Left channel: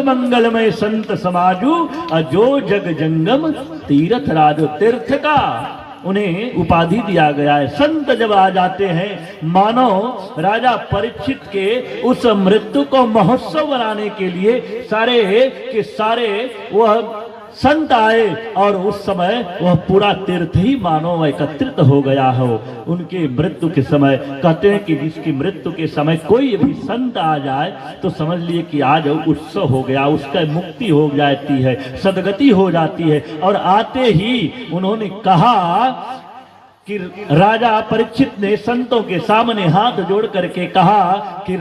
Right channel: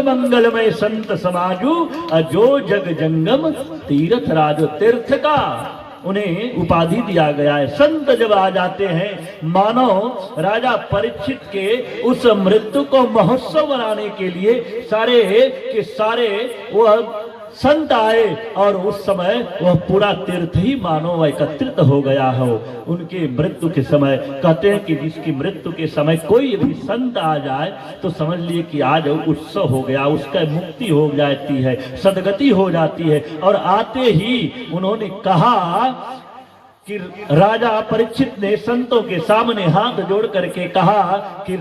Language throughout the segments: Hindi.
मंगलमय संत समाजू अजो जग जंगम तीर्थ राजो। तीर्थ का उन्हें उपाधि दिया गया है। संत जब आ जाते हैं, मानो राजा परीक्षित के उस मृत्यु को महोत्सव बनाने के लिए सारे के सारे वह संत आए और उस समय वह पूरा तीर्थ ही मानो एकत्रित हो गया हो उनके मृत्यु के समय। कहते हैं कि जिसकी मृत्यु के समय कोई भी संत आ जाए तो समझ लिए कि आज उत्सव हो गया, उसका मुक्ति हो जाती है, सदगति हो जाती है। और आते ही उन्होंने कहा कि राजा परीक्षित ने संतों के सामने हाथ जोड़ करके कहा कि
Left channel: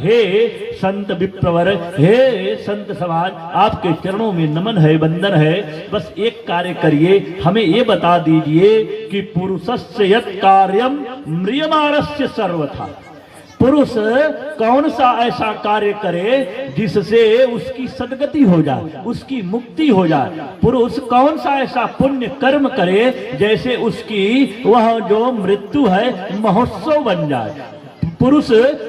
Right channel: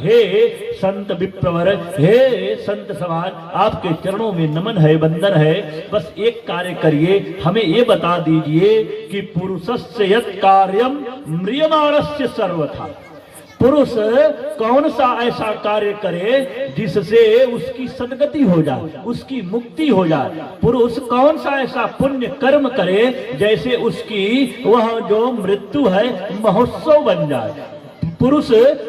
हे संत विप्रवर, हे संत समाज, आपके चरणों में नमन है, वंदन है। बस एक कार्य करिए, हमें ये बता दीजिए कि पुरुषस्य यत् कार्यम म्रियमाणस्य सर्वथा। पुरुष कौन सा ऐसा कार्य करे जिससे उसकी सदगति हो जाए, उसकी मुक्ति हो जाए। पुरुष कौन सा ऐसा पुण्य कर्म करे जैसे उसकी वह जो मृत्यु है महोत्सव बन जाए। पुरुष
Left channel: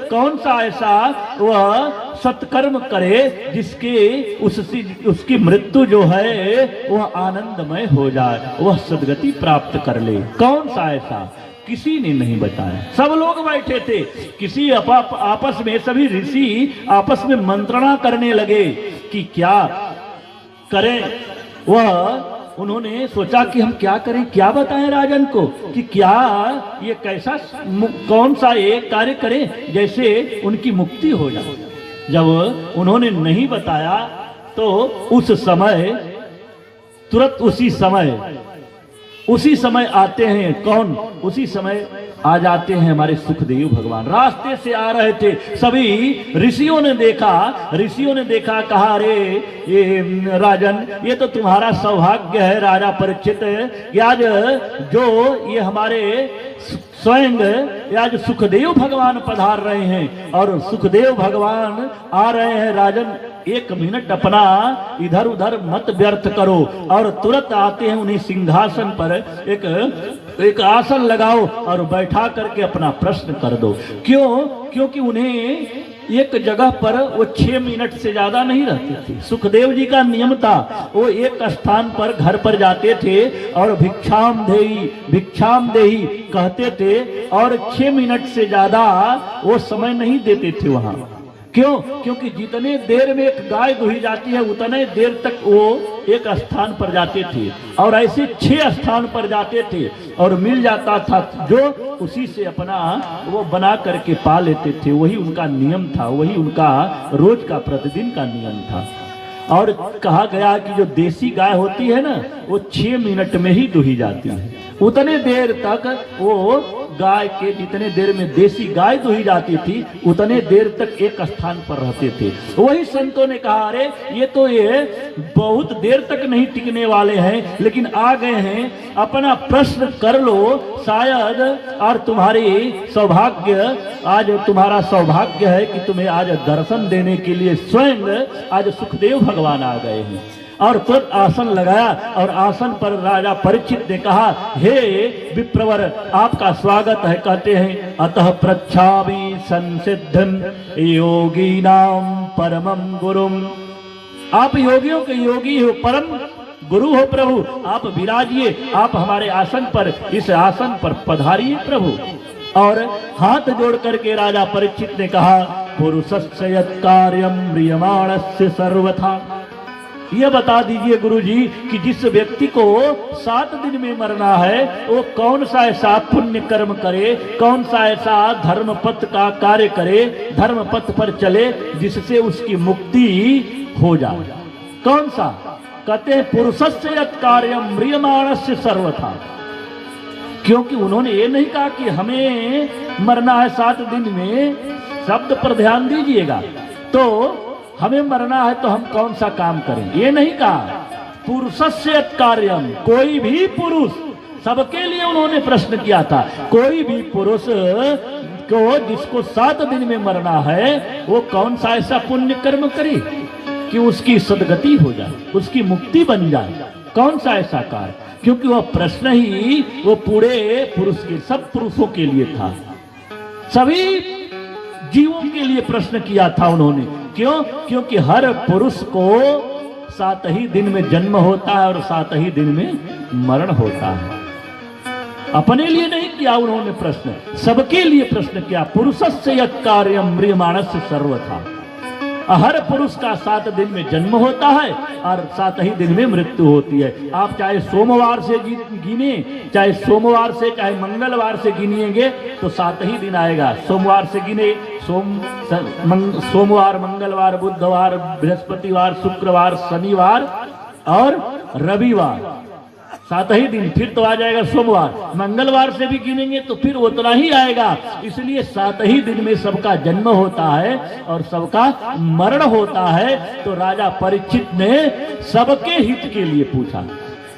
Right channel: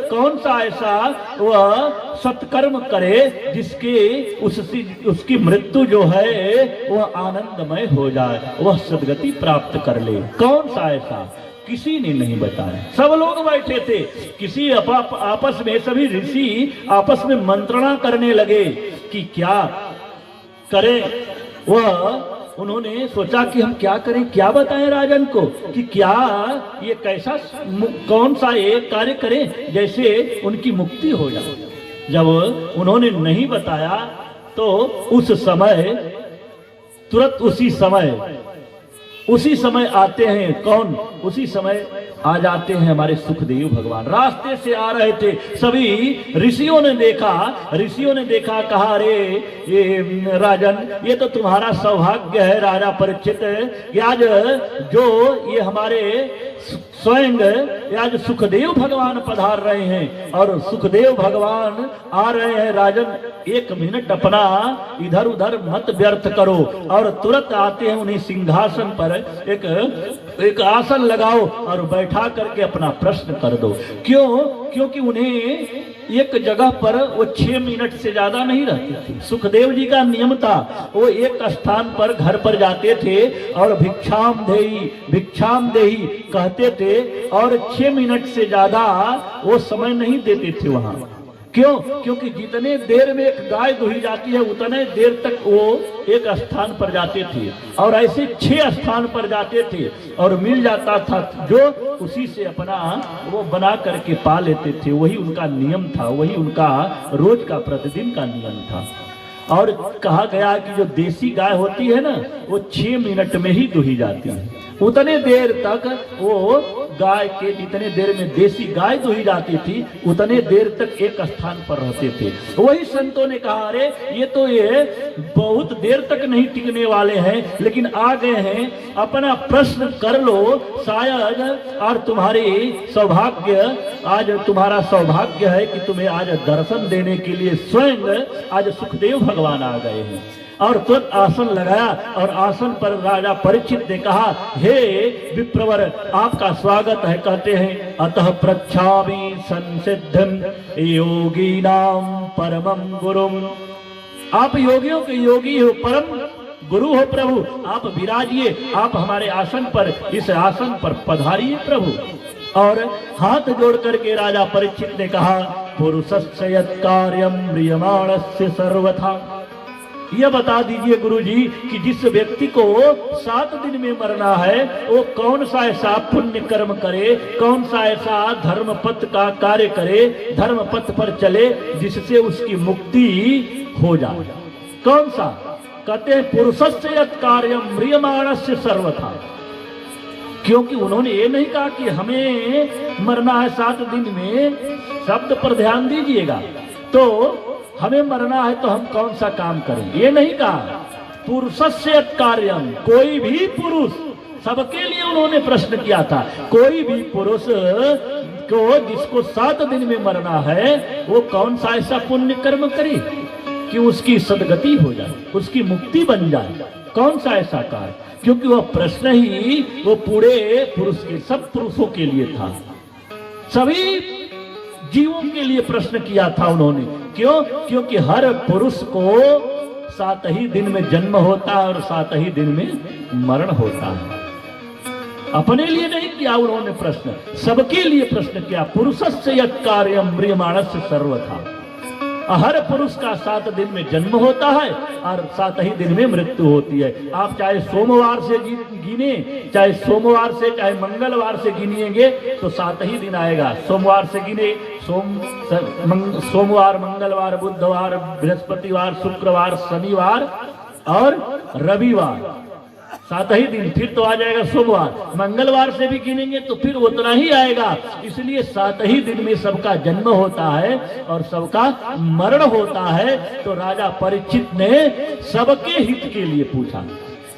कौन सा ऐसा वह सत्कर्म करे जिसके उसकी मृत्यु जो है वह आनंदमय हो जाए, वह सदगति प्राप्त कर ले। कौन सा ऐसा? किसी ने नहीं बताया। सब लोग बैठे थे, किसी आपस में सभी ऋषि आपस में मंत्रणा करने लगे कि क्या करें। वह उन्होंने सोचा कि हम क्या करें, क्या बताएं राजन को कि क्या ये कैसा कौन सा ये कार्य करें जैसे उनकी मुक्ति हो जाए। जब उन्होंने नहीं बताया तो उस समय तुरंत उसी समय आते हैं। कौन? उसी समय आ जाते हैं हमारे सुखदेव भगवान। रास्ते से आ रहे थे, सभी ऋषियों ने देखा, कहा अरे ये राजन, ये तो तुम्हारा सौभाग्य है राजा परीक्षित कि आज जो ये हमारे स्वयं आज सुखदेव भगवान पधार रहे हैं। और सुखदेव भगवान आ रहे हैं राजन, एक मिनट अपना इधर उधर मत व्यर्थ करो और तुरंत आते हैं उन्हें सिंहासन पर एक आसन लगाओ और बैठा करके अपना प्रश्न कर दो। क्यों? क्योंकि उन्हें एक जगह पर वो 6 मिनट से ज्यादा नहीं रहते थे। सुखदेव जी का नियम था, वो एक स्थान पर घर पर जाते थे और भिक्षाम देही कहते थे और 6 मिनट से ज्यादा वो समय नहीं देते थे वहां। क्यों? क्योंकि जितने देर में एक गाय दुही जाती है उतने देर तक वो एक स्थान पर जाते थे और ऐसे 6 स्थान पर जाते थे और मिल जाता था जो उसी से अपना वो बना करके पा लेते थे। वही उनका नियम था, वही उनका रोज का प्रतिदिन का नियम था। और कहा गया कि जो देसी गाय होती है ना वो 6 मिनट में ही दुही जाती है। उतने देर तक वो गाय के जितने देर में देसी गाय दुही जाती थी उतने देर तक एक स्थान पर रहते थे। वही संतों ने कहा अरे ये बहुत देर तक नहीं टिकने वाले हैं, लेकिन आ गए हैं, अपना प्रश्न कर लो, शायद और तुम्हारा सौभाग्य है कि तुम्हें आज दर्शन देने के लिए स्वयं आज सुखदेव भगवान आ गए हैं। और तुरंत आसन लगाया और आसन पर राजा परीक्षित ने कहा हे विप्रवर, आपका स्वागत है। कहते हैं अतः प्रच्छामि संसिद्धं योगीनां परमं गुरुम। आप योगियों के योगी हो, परम गुरु हो प्रभु, आप विराजिए, आप हमारे आसन पर, इस आसन पर पधारिए प्रभु। और हाथ जोड़ करके राजा परीक्षित ने कहा पुरुषस्य यत् कार्यं म्रियमाणस्य सर्वथा। यह बता दीजिए गुरुजी कि जिस व्यक्ति को 7 दिन में मरना है वो कौन सा ऐसा पुण्य कर्म करे, कौन सा ऐसा धर्म पथ का कार्य करे, धर्म पथ पर चले जिससे उसकी मुक्ति हो जाए। कौन सा? कहते हैं पुरुषस्य यत् कार्यम म्रियमाणस्य सर्वथा। क्योंकि उन्होंने ये नहीं कहा कि हमें मरना है 7 दिन में, शब्द पर ध्यान दीजिएगा, तो हमें मरना है तो हम कौन सा काम करें, ये नहीं कहा। पुरुषस्य कार्यम, कोई भी पुरुष, सबके लिए उन्होंने प्रश्न किया था। कोई भी पुरुष को जिसको 7 दिन में मरना है वो कौन सा ऐसा पुण्य कर्म करे कि उसकी सदगति हो जाए, उसकी मुक्ति बन जाए। कौन सा ऐसा कार्य? क्योंकि वह प्रश्न ही वो पूरे पुरुष के, सब पुरुषों के लिए था, सभी जीवों के लिए प्रश्न किया था उन्होंने। क्यों? क्योंकि हर पुरुष को 7 ही दिन में जन्म होता है और 7 ही दिन में मरण होता है। अपने लिए नहीं किया उन्होंने प्रश्न, सबके लिए प्रश्न किया। पुरुषस्य यत् कार्यम म्रियमाणस्य सर्वथा। हर पुरुष का 7 दिन में जन्म होता है और 7 ही दिन में मृत्यु होती है। आप चाहे सोमवार से गिने, चाहे सोमवार से, चाहे मंगलवार से गिनिएंगे तो 7 ही दिन आएगा। सोमवार से गिने, सोमवार, मंगलवार, बुधवार, बृहस्पतिवार, शुक्रवार, शनिवार और रविवार, 7 ही दिन। फिर तो आ जाएगा सोमवार। मंगलवार से भी गिनेंगे तो फिर उतना ही आएगा। इसलिए 7 ही दिन में सबका जन्म होता है और सबका मरण होता है। तो राजा परीक्षित ने सबके हित के लिए पूछा,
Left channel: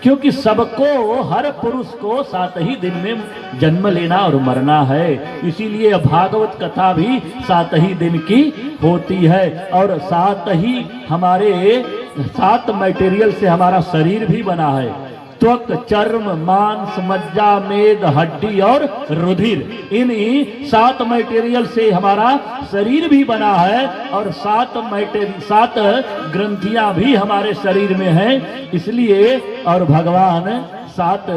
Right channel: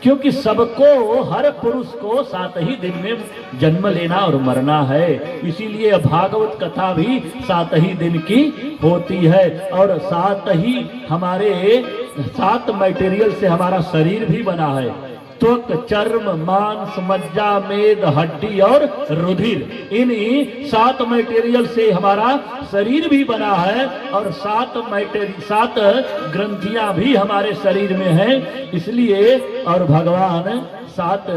क्योंकि सबको, हर पुरुष को 7 ही दिन में जन्म लेना और मरना है। इसीलिए भागवत कथा भी 7 ही दिन की होती है। और 7 ही हमारे 7 मटेरियल से हमारा शरीर भी बना है। त्वक, चर्म, मांस, मज्जा, मेद, हड्डी और रुधिर, इन्हीं 7 मटेरियल से हमारा शरीर भी बना है। और 7 ग्रंथियां भी हमारे शरीर में हैं। इसलिए और भगवान 7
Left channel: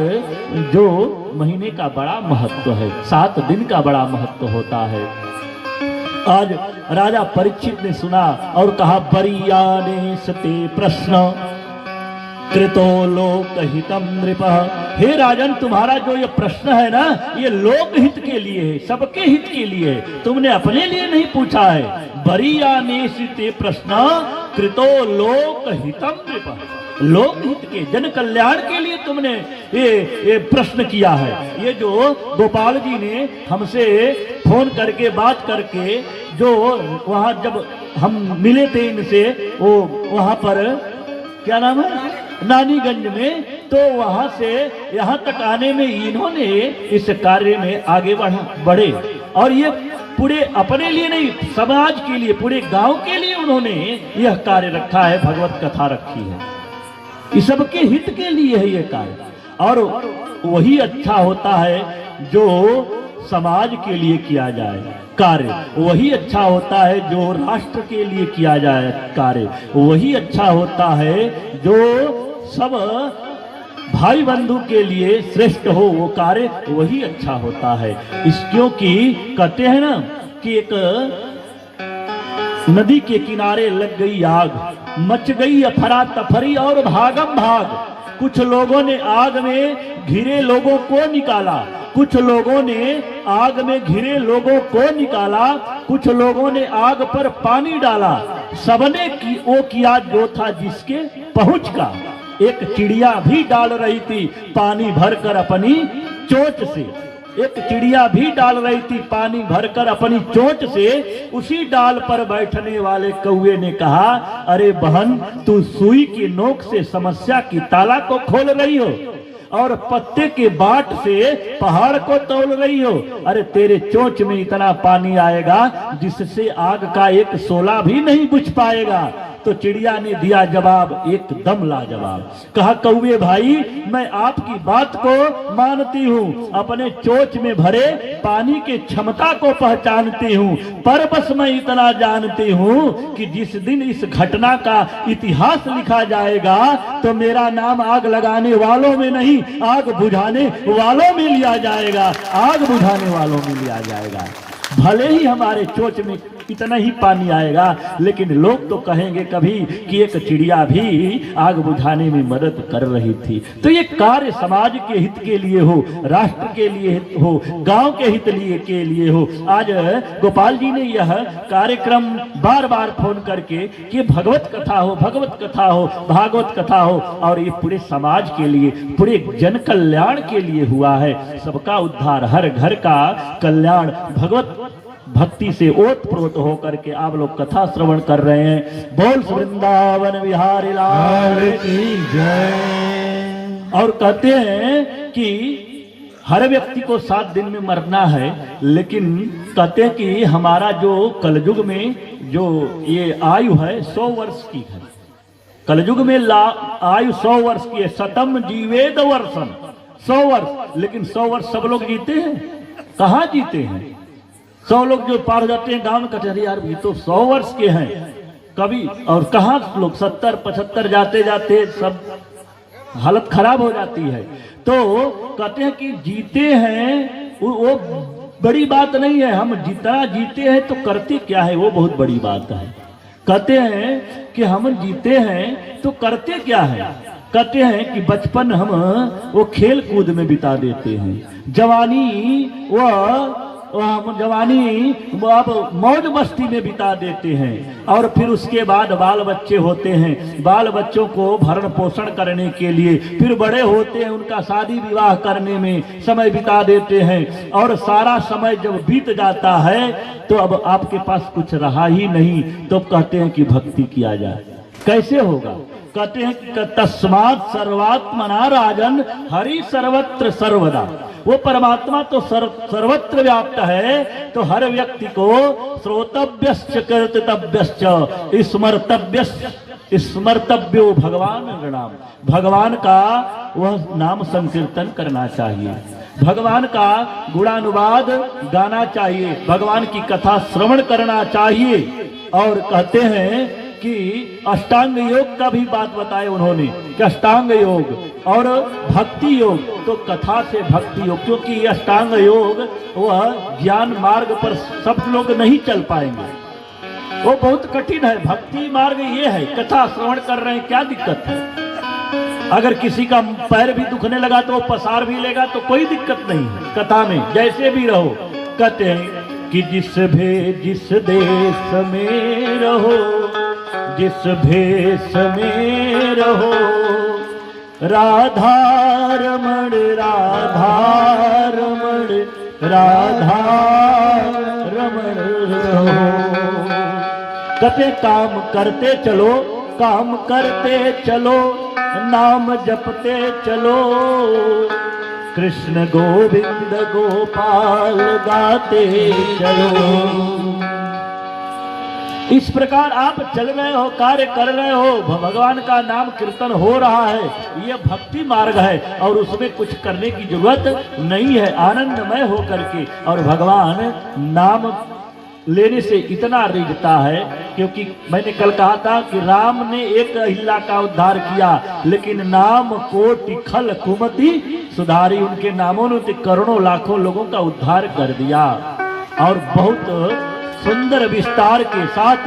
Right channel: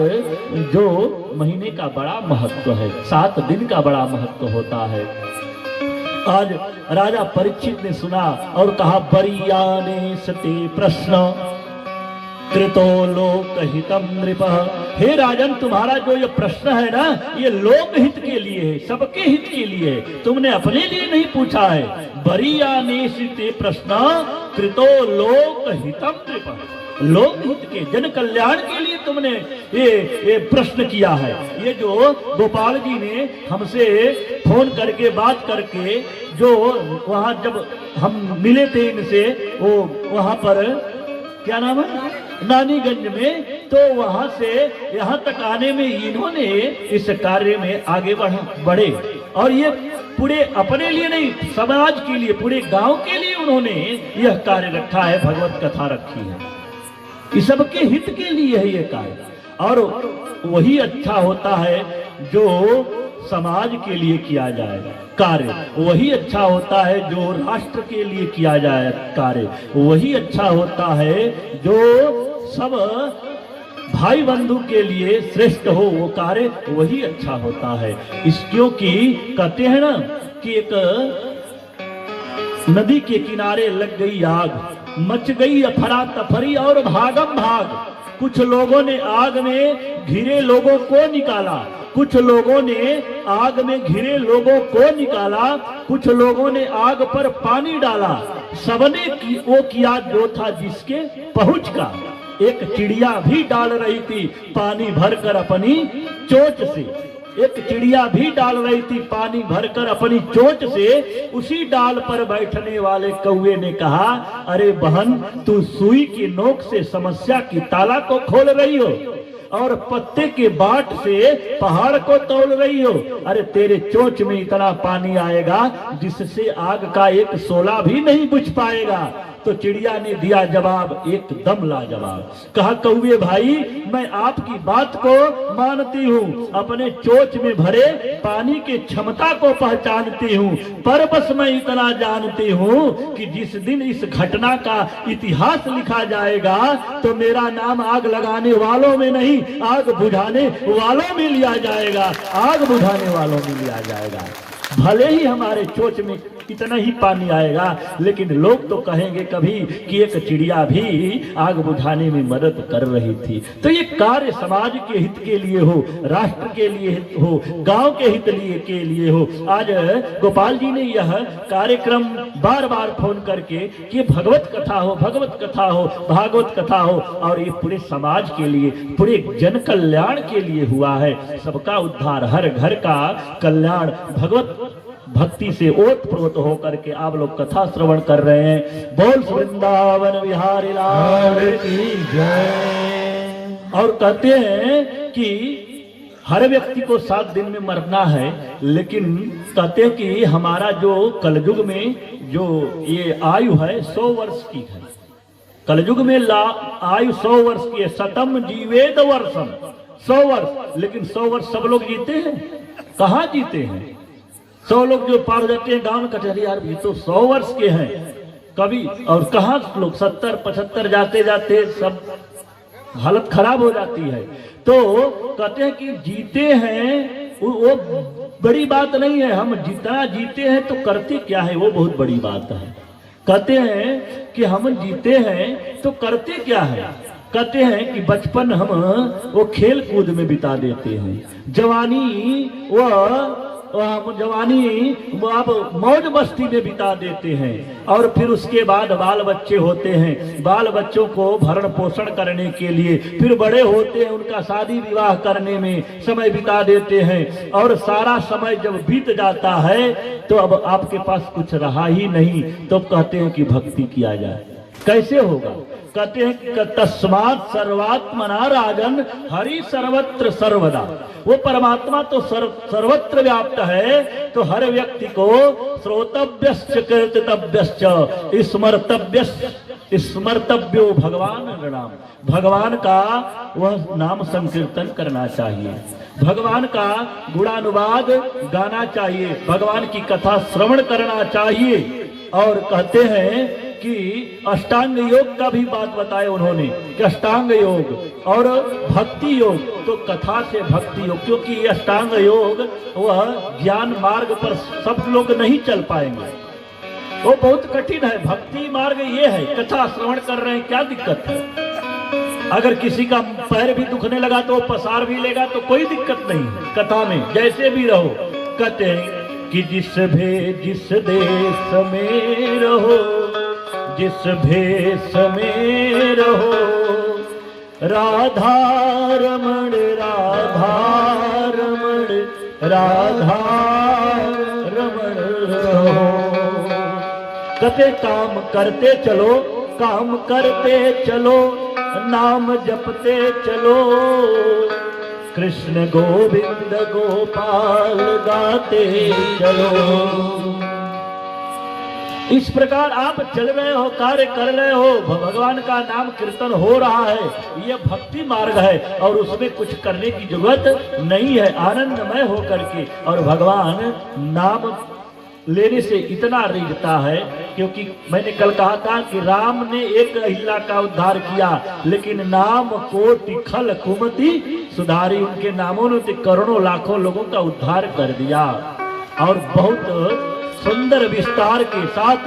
जो महीने का बड़ा महत्व है, 7 दिन का बड़ा महत्व होता है। आज राजा परीक्षित ने सुना और कहा, बरीयाने सते प्रश्न कृतो लोकहितम नृप। हे राजन, तुम्हारा जो ये प्रश्न है ना, ये लोकहित के लिए है, सबके हित के लिए है, तुमने अपने लिए नहीं पूछा है। बरीयानेसिते प्रश्न कृतो लोकहितम नृप। लोकहित के, जन कल्याण के लिए तुमने ये प्रश्न किया है। ये जो गोपाल जी ने हमसे फोन करके बात करके, जो वहां जब हम मिले थे इनसे, वो वहां पर क्या नाम है, नानीगंज में, तो वहां से यहाँ तक आने में इन्होंने इस कार्य में आगे बढ़े। और ये पूरे अपने लिए नहीं, समाज के लिए, पूरे गांव के लिए उन्होंने यह कार्य रखा है, भगवत कथा रखी है। इस सबके हित के लिए है ये कार्य। और वही अच्छा होता है जो समाज के लिए किया जाए कार्य, वही अच्छा होता है जो राष्ट्र के लिए किया जाए कार्य, वही अच्छा होता है जो सब भाई बंधु के लिए श्रेष्ठ हो, वो कार्य वही अच्छा होता है। इस क्योंकि कहते हैं ना कि एक नदी के किनारे लग गई आग, मच गई अफरा तफरी और भागम भाग। कुछ लोगों ने आग में घिरे लोगों को निकाला, कुछ लोगों ने आग में घिरे लोगों को निकाला, कुछ लोगों ने आग पर पानी डाला। सबने वो किया जो था जिसके पहुंच का। एक चिड़िया भी डाल रही थी पानी भरकर अपनी चोंच से, एक चिड़िया भी डाल रही थी पानी भरकर अपनी चोंच से। उसी डाल पर बैठने वाले कौवे ने कहा, अरे बहन, तू सुई की नोक से समस्या की ताला को खोल रही हो और पत्ते के बाट से पहाड़ को तोड़ रही हो। अरे तेरे चोंच में इतना पानी आएगा जिससे आग का एक शोला भी नहीं बुझ पाएगा। तो चिड़िया ने दिया जवाब एकदम लाजवाब। कहा, कौवे भाई, मैं आपकी बात को मानती हूँ, अपने चोंच में भरे पानी की क्षमता को पहचानती हूँ, पर बस मैं इतना जानती हूँ कि जिस दिन इस घटना का इतिहास लिखा जाएगा तो मेरा नाम आग लगाने वालों में नहीं, आग बुझाने वालों में लिया जाएगा, आग बुझाने वालों में लिया जाएगा। भले ही हमारे चोंच में इतना ही पानी आएगा। लेकिन लोग तो कहेंगे कभी कि एक चिड़िया भी आग बुझाने में मदद कर रही थी। तो ये कार्य समाज के हित के लिए हो, राष्ट्र के लिए हो, गांव के हित के लिए हो। आज गोपाल जी ने यह कार्यक्रम बार बार फोन करके कि भगवत कथा हो, भगवत कथा हो, भागवत कथा हो, और ये पूरे समाज के लिए, पूरे जन कल्याण के लिए हुआ है। सबका उद्धार, हर घर का कल्याण भगवत भक्ति से ओत प्रोत होकर के आप लोग कथा श्रवण कर रहे हैं। बोल वृंदावन विहारी लाल की जय। और कहते हैं कि हर व्यक्ति को 7 दिन में मरना है, लेकिन कहते हैं कि हमारा जो कलयुग में जो ये आयु है 100 वर्ष की है। कलयुग में आयु 100 वर्ष की है। शतम जीवेद वर्षम, 100 वर्ष। लेकिन 100 वर्ष सब लोग जीते हैं? कहाँ जीते हैं? 100 लोग जो पार जाते हैं गांव में, कहते हैं यार ये तो 100 वर्ष के हैं कभी, और कहाँ लोग 70-75 जाते जाते सब हालत खराब हो जाती है। तो कहते हैं कि जीते हैं वो बड़ी बात नहीं है, हम जितना जीते हैं तो करते क्या है वो बहुत बड़ी बात है। कहते हैं कि हम जीते हैं तो करते क्या है। कहते हैं कि बचपन हम वो खेल कूद में बिता देते हैं, जवानी हम जवानी अब मौज मस्ती में बिता देते हैं, और फिर उसके बाद बाल बच्चे होते हैं, बाल बच्चों को भरण पोषण करने के लिए फिर बड़े होते हैं, उनका शादी विवाह करने में समय बिता देते हैं, और सारा समय जब बीत जाता है तो अब आपके पास कुछ रहा ही नहीं। तो कहते हैं कि भक्ति किया जाए। कैसे होगा? कहते हैं कि तस्मात् सर्वात्मना राजन हरि सर्वत्र सर्वदा। वो परमात्मा तो सर्वत्र व्याप्त है, तो हर व्यक्ति को श्रोतव्यश्च कीर्तितव्यश्च स्मर्तव्यो भगवान नाम, भगवान का वह नाम संकीर्तन करना चाहिए, भगवान का गुणानुवाद गाना चाहिए, भगवान की कथा श्रवण करना चाहिए। और कहते हैं कि अष्टांग योग का भी बात बताए उन्होंने कि अष्टांग योग और भक्ति योग, तो कथा से भक्ति योग, क्योंकि अष्टांग योग वह ज्ञान मार्ग पर सब लोग नहीं चल पाएंगे, वो बहुत कठिन है। भक्ति मार्ग ये है, कथा श्रवण कर रहे हैं, क्या दिक्कत है? अगर किसी का पैर भी दुखने लगा तो वो पसार भी लेगा, तो कोई दिक्कत नहीं है कथा में, जैसे भी रहो। कहते हैं कि जिस देश में रहो, जिस भेष में रहो, राधा रमण राधा रमण राधा रमण रहो। कहते काम करते चलो, काम करते चलो, नाम जपते चलो, कृष्ण गोविंद गोपाल गाते चलो। इस प्रकार आप चल रहे हो, कार्य कर रहे हो, भगवान का नाम कीर्तन हो रहा है, ये भक्ति मार्ग है, और उसमें कुछ करने की जरूरत नहीं है, आनंदमय हो करके। और भगवान नाम लेने से इतना रिझता है, क्योंकि मैंने कल कहा था कि राम ने एक अहिल्या का उद्धार किया, लेकिन नाम कोटि खल कुमति सुधारी, उनके नामों ने करोड़ों लाखों लोगों का उद्धार कर दिया। और बहुत सुंदर विस्तार के साथ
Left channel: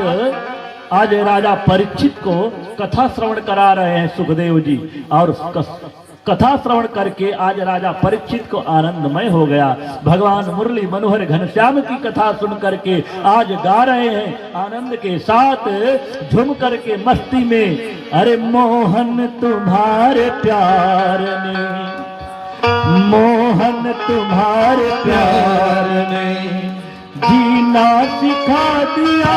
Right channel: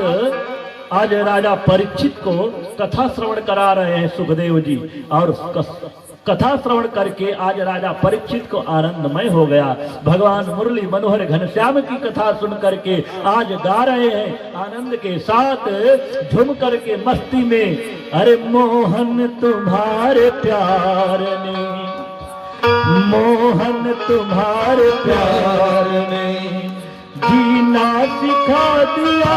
आज राजा परीक्षित को कथा श्रवण करा रहे हैं सुखदेव जी, और कथा श्रवण करके आज राजा परीक्षित को आनंदमय हो गया। भगवान मुरली मनोहर घनश्याम की कथा सुन करके आज गा रहे हैं आनंद के साथ, झूम करके मस्ती में। अरे मोहन तुम्हारे प्यार में, मोहन तुम्हारे प्यार में जीना सिखा दिया,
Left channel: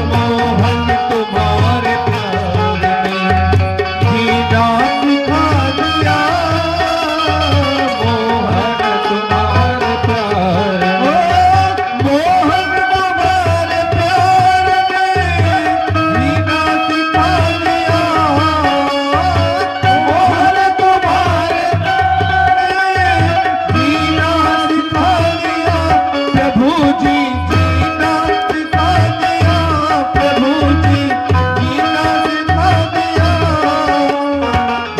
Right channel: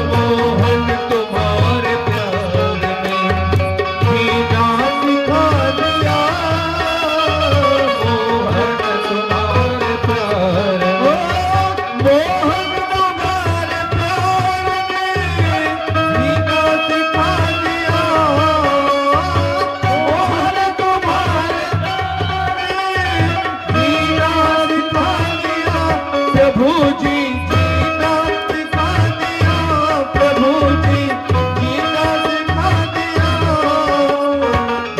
मोहन तुम्हारे प्यार में जीना सिखा दिया, मोहन तुम्हारे प्यार में, मोहन तुम्हारे प्यार में जीना सिखा दिया, मोहन तुम्हारे प्यार में जीना सिखा दिया, प्रभु जी जीना सिखा दिया, प्रभु जी जीना सिखा दिया।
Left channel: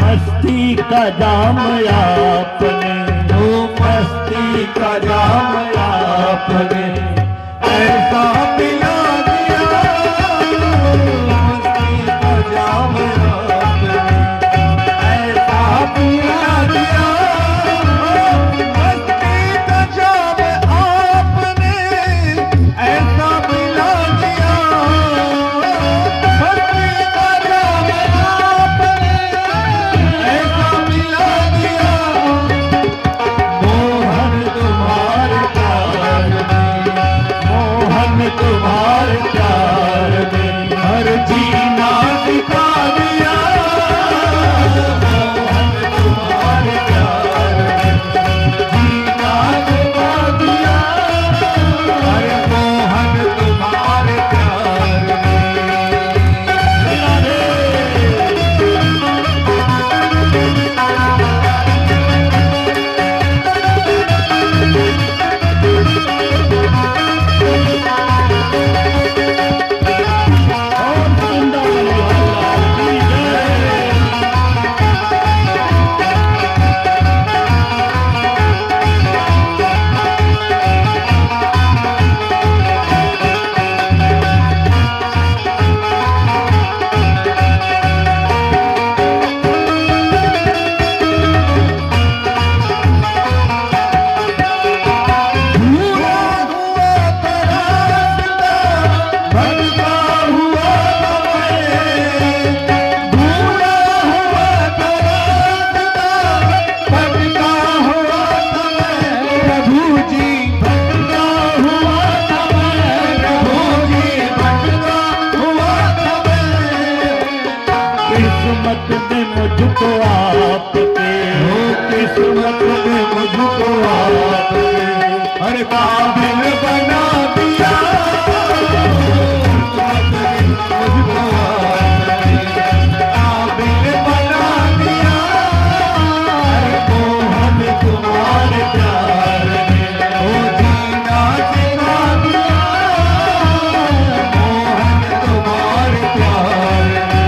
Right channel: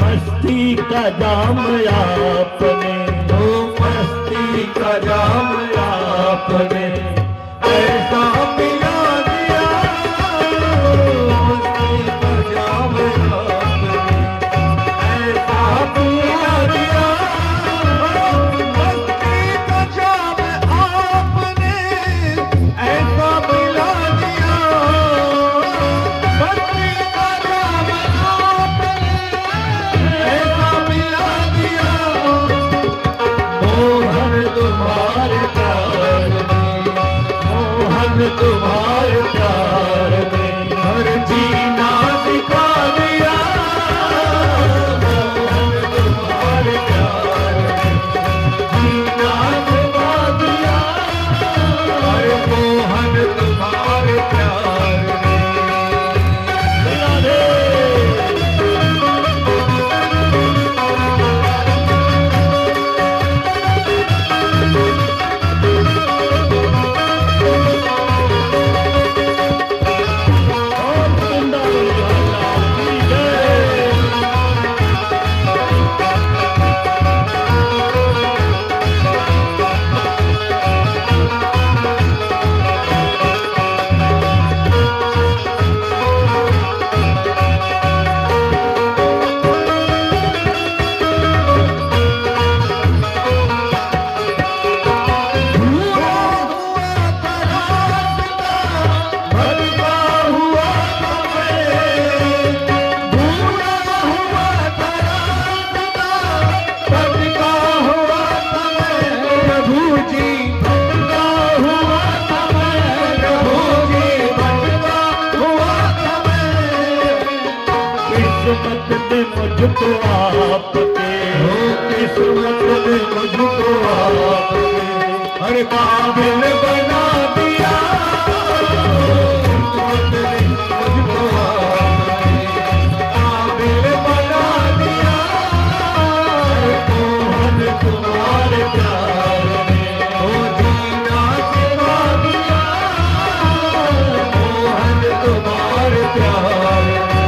मस्ती का जाम आपने, ओ मस्ती का जाम आपने ऐसा मुझको आपके, किस्मत ने मुझको आपके हर काबिल बना दिया। किस्मत ने मुझको आपके काबिल बना दिया। मोहन तुम्हारे प्यार में हो जीना सिखा दिया। मोहन तुम्हारे प्यार में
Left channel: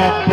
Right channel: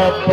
लाल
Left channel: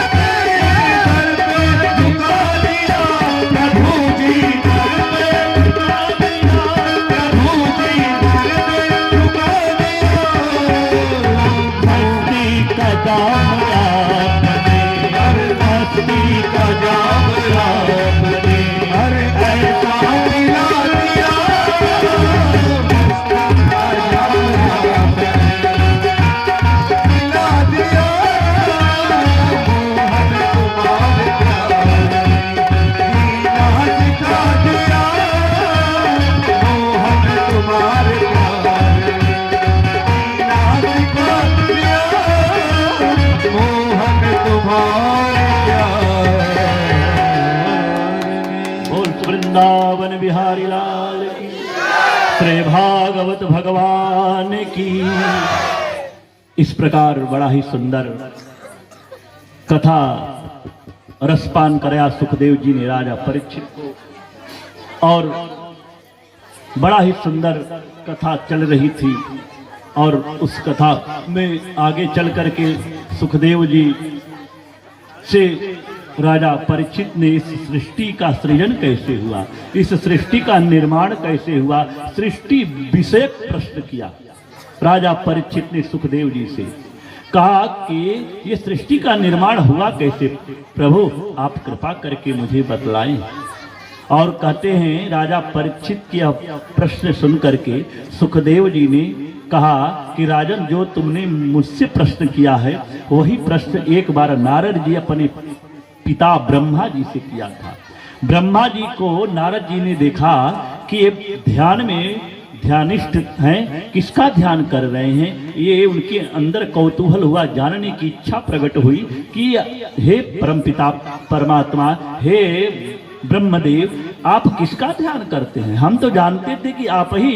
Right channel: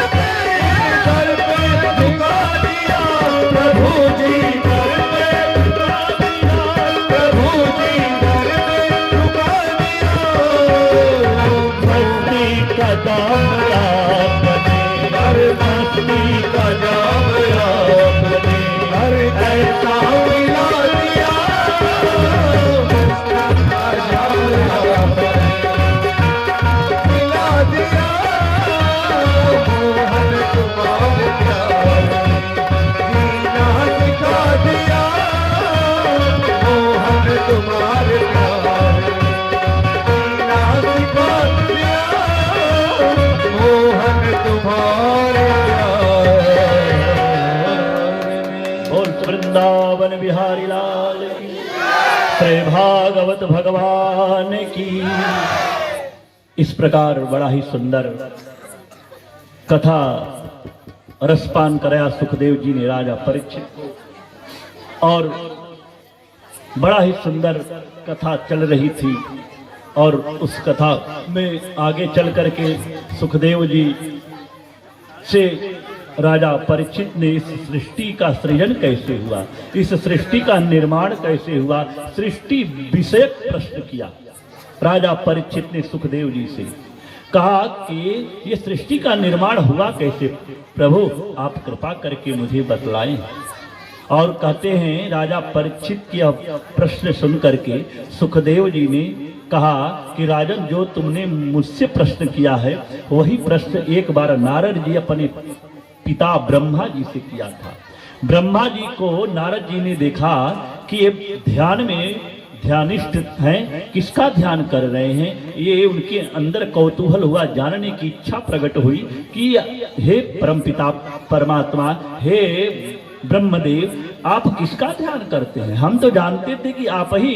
की बोल वृंदावन बिहारी लाल की, श्री भागवत भगवान की। इस प्रकार बड़ा ही सुंदर कथा रसपान कराया सुखदेव जी ने राजा परीक्षित को, और बड़ा ही सुंदर कथा चल रही थी। और उस कथा में आगे चल करके सुखदेव जी से राजा परीक्षित ने इस सृष्टि का सृजन कैसे हुआ, इस सृष्टि का निर्माण कैसे हुआ, सृष्टि विषय प्रश्न किया। राजा परीक्षित ने सुखदेव जी से कहा कि ये सृष्टि का निर्माण हुआ कैसे, प्रभु आप कृपा करके मुझे बतलाएं। और कहते हैं राजा परीक्षित की प्रश्न सुन करके सुखदेव जी ने कहा कि राजन, जो तुमने मुझसे प्रश्न किया है वही प्रश्न एक बार नारद जी अपने पिता ब्रह्मा जी से किया था। ब्रह्मा जी को नारद जी ने देखा कि ये ध्यान में ध्यानिष्ठ हैं, किसका ध्यान कर रहे हैं, ये उनके अंदर कौतूहल हुआ, जानने की इच्छा प्रकट हुई कि हे परमपिता परमात्मा, हे ब्रह्मदेव, आप किसका ध्यान करते हैं। हम तो जानते थे कि आप ही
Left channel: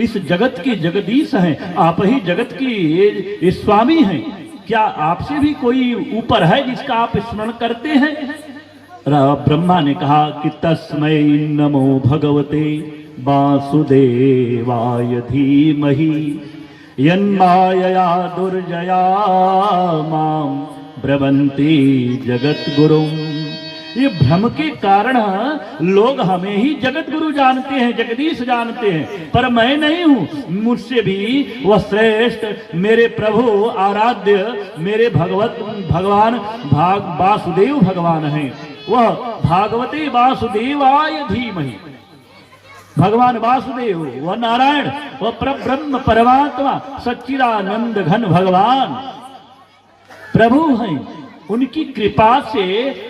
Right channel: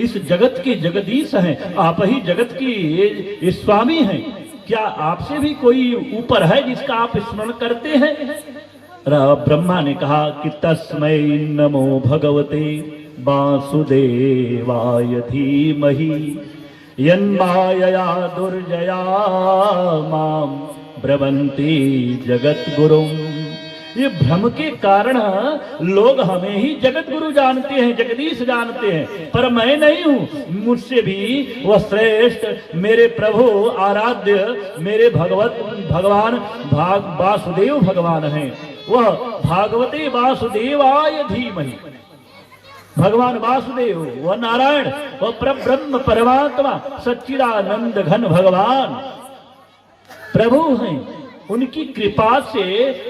इस जगत के जगदीश हैं, आप ही जगत के स्वामी हैं, क्या आपसे भी कोई ऊपर है जिसका आप स्मरण करते हैं। ब्रह्मा ने कहा कि तस्मै नमो भगवते वासुदेवाय धीमहि यन्मायया दुर्जया मां ब्रवन्ति जगद्गुरुं। ये भ्रम के कारण लोग हमें ही जगत गुरु जानते हैं, जगदीश जानते हैं, पर मैं नहीं हूँ। मुझसे भी वह श्रेष्ठ मेरे प्रभु आराध्य मेरे भगवान वासुदेव भगवान हैं। वह भागवते वासुदेवाय धीमहि, भगवान वासुदेव वह नारायण, वह ब्रह्म परमात्मा सच्चिदानंद घन भगवान प्रभु हैं। उनकी कृपा से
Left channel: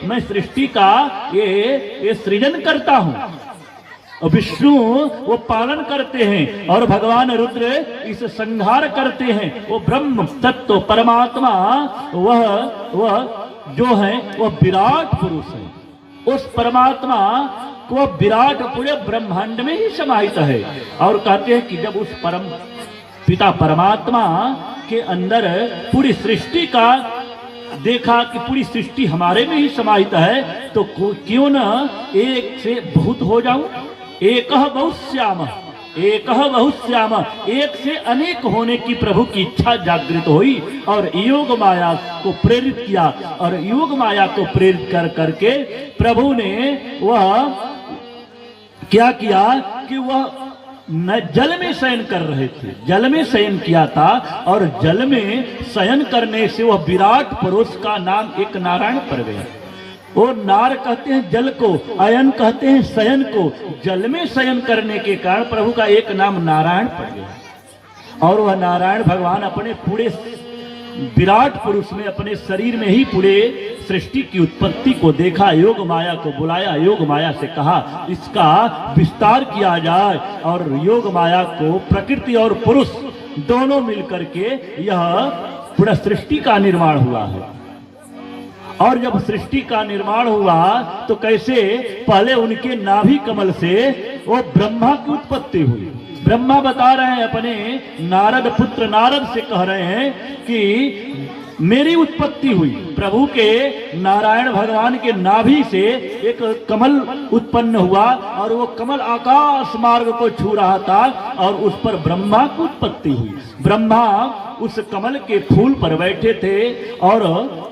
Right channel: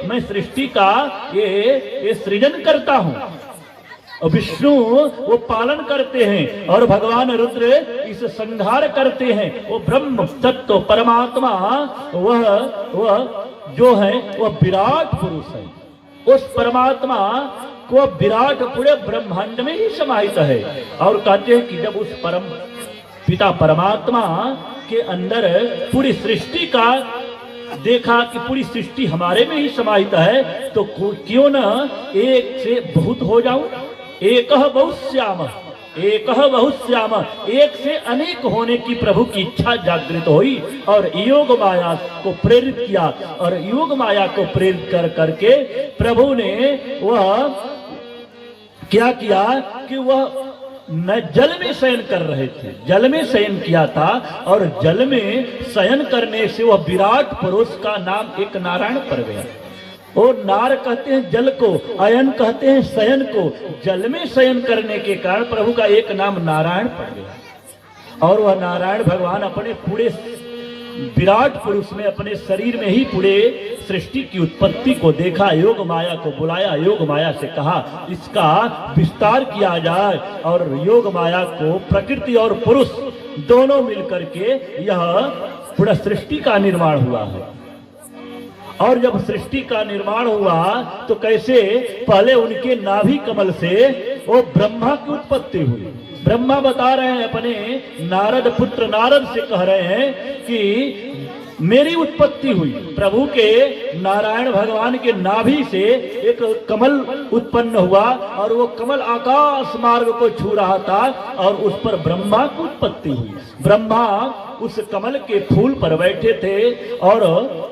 मैं सृष्टि का ये सृजन करता हूं। और विष्णु वो पालन करते हैं और भगवान रुद्र इस संहार करते हैं। वो ब्रह्म तत्व परमात्मा वह जो है वह विराट पुरुष है। उस परमात्मा को विराट पूरे ब्रह्मांड में ही समाहित है। और कहते हैं कि जब उस परम पिता परमात्मा के अंदर पूरी सृष्टि का देखा कि पूरी सृष्टि हमारे में ही समाहित है, तो क्यों न एक से बहुत हो जाऊं। एकह बहुश्याम, एकह बहुश्याम, एक से अनेक होने की प्रभु की इच्छा जागृत हुई और योग माया को प्रेरित किया। और योग माया को प्रेरित कर करके प्रभु ने वह क्या किया कि वह जल में शयन कर रहे थे, जल में शयन किया था। और जल में शयन करने से वह विराट पुरुष का नाम एक नारायण पड़ गया। और नार कहते हैं जल को, अयन कहते हैं शयन को। जल में शयन करने के कारण प्रभु का एक नाम नारायण पड़ गया। और वह नारायण भगवान अपने पूरे विराट पुरुष में, अपने शरीर में ही पूरे सृष्टि की उत्पत्ति को देखा। योग माया को बुलाया, योग माया से कहा इसका विस्तार किया जाए। और योग माया को प्रकृति और पुरुष दोनों मिलकर के यह पूरा सृष्टि का निर्माण हुआ है। और जब सृष्टि का निर्माण हुआ तो कैसे पहले उनके नाभि कमल से वो ब्रह्मा की उत्पत्ति हुई। ब्रह्मा बता रहे हैं अपने नारद पुत्र नारद से, कह रहे हैं कि मेरी उत्पत्ति हुई। प्रभु के नारायण भगवान के नाभि से एक कमल उत्पन्न हुआ और वो कमल आकाश मार्ग को छू रहा था और उस पर ब्रह्मा की उत्पत्ति हुई। ब्रह्मा उस कमल के फूल पर बैठे थे और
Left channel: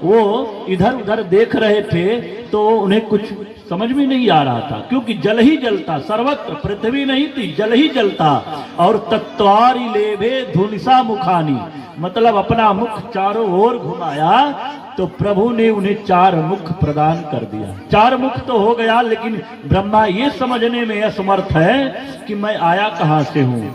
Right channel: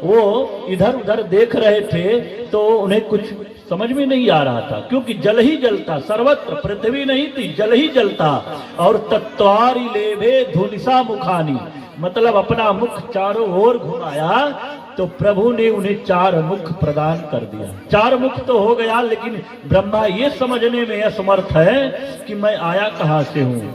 वो इधर उधर देख रहे थे, तो उन्हें कुछ समझ में नहीं आ रहा था, क्योंकि जल ही जलता, सर्वत्र पृथ्वी नहीं थी, जल ही जलता। और तत्वारी लेभे धुनिसा मुखानी, मतलब अपना मुख चारों ओर घुमाया तो प्रभु ने उन्हें 4 मुख प्रदान कर दिया। 4 मुख तो हो गया, लेकिन ब्रह्मा ये समझने में असमर्थ है कि मैं आया कहां से हूं,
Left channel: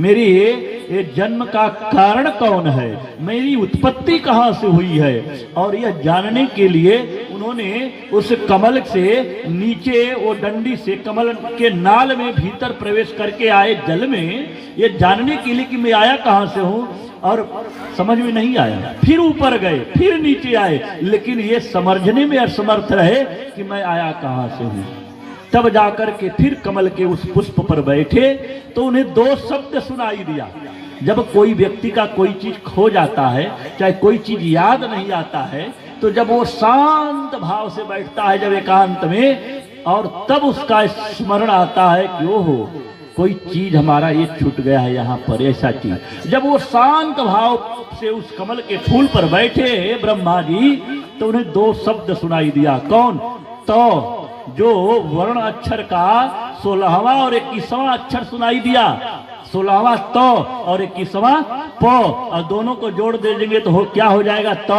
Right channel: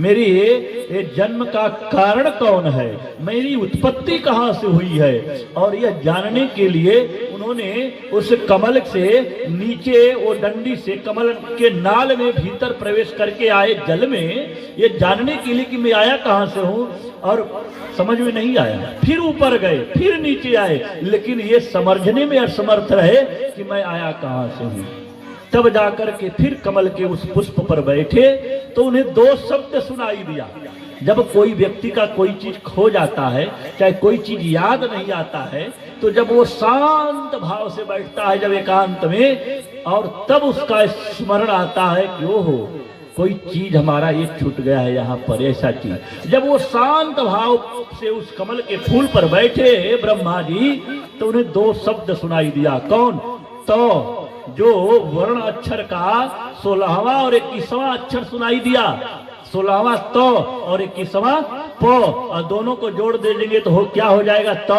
मेरी ये जन्म का कारण कौन है, मेरी उत्पत्ति कहां से हुई है। और यह जानने के लिए उन्होंने उस कमल से नीचे वो डंडी से कमल के नाल में भीतर प्रवेश करके आए जल में, ये जानने के लिए कि मैं आया कहां से हूं। और समझ में नहीं आया। फिर ऊपर गए, फिर नीचे आए, लेकिन ये समझने में असमर्थ रहे कि मैं आया कहां से हूं। तब जाकर के फिर कमल के उस पुष्प पर बैठे तो उन्हें दो शब्द सुनाई दिया। जब कोई व्यक्ति का कोई चीज खो जाता है, चाहे कोई चीज याद नहीं आता है, तो जब वो शांत भाव से बैठता है, जब एकांत में, और तब उसका स्मरण आता है कि ओहो कोई चीज हमारा ये छूट गया है यहाँ पर, ऐसा चीज। जब वो शांत भाव से उस कमल के फूल पर बैठे ब्रह्मा जी, तो उन्हें दो शब्द सुनाई दिया। कौन? तो जो वर्ण अक्षर का 16वां और 21वां अक्षर सुनाई दिया। 16वां तो और 21वां प, और दोनों को जोड़ दे देंगे तो क्या हो जाएगा? तो